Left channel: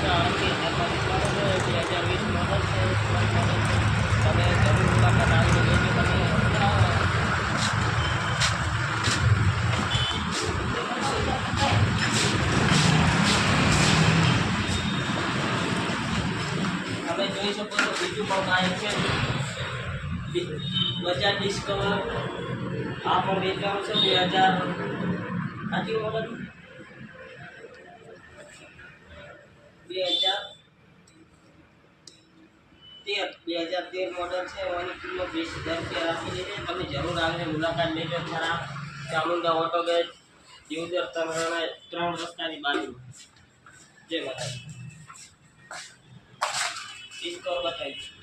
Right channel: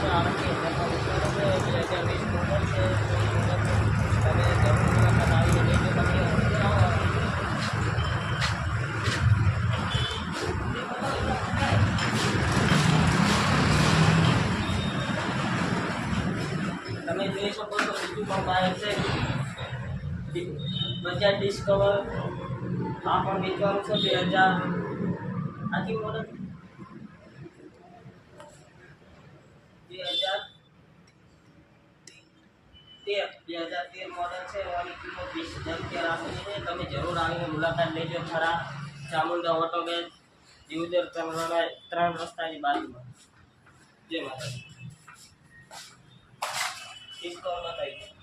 છે 38,000 મોડલ છે 2020 મોડલ છે તમે જરૂર મુલાકાત આવીને લેજો તમે અંદર આવો તમે જોઈ શકો છો બીજું પણ બાઇક છે બજાજ ડિસ્કવર આ પણ વેચવાનું છે 2000 આથી મોડલ 2013 મોડલ છે એની કિંમત 20,000 રૂપિયા રાખેલી છે તમે જરૂર આવીને મુલાકાત લેજો ખરા ચામુંડા ઓટો ગેસ યુઝર 3 રસ્તાની બાજુમાં જય માતાજી ડિસ્કવર બતાવી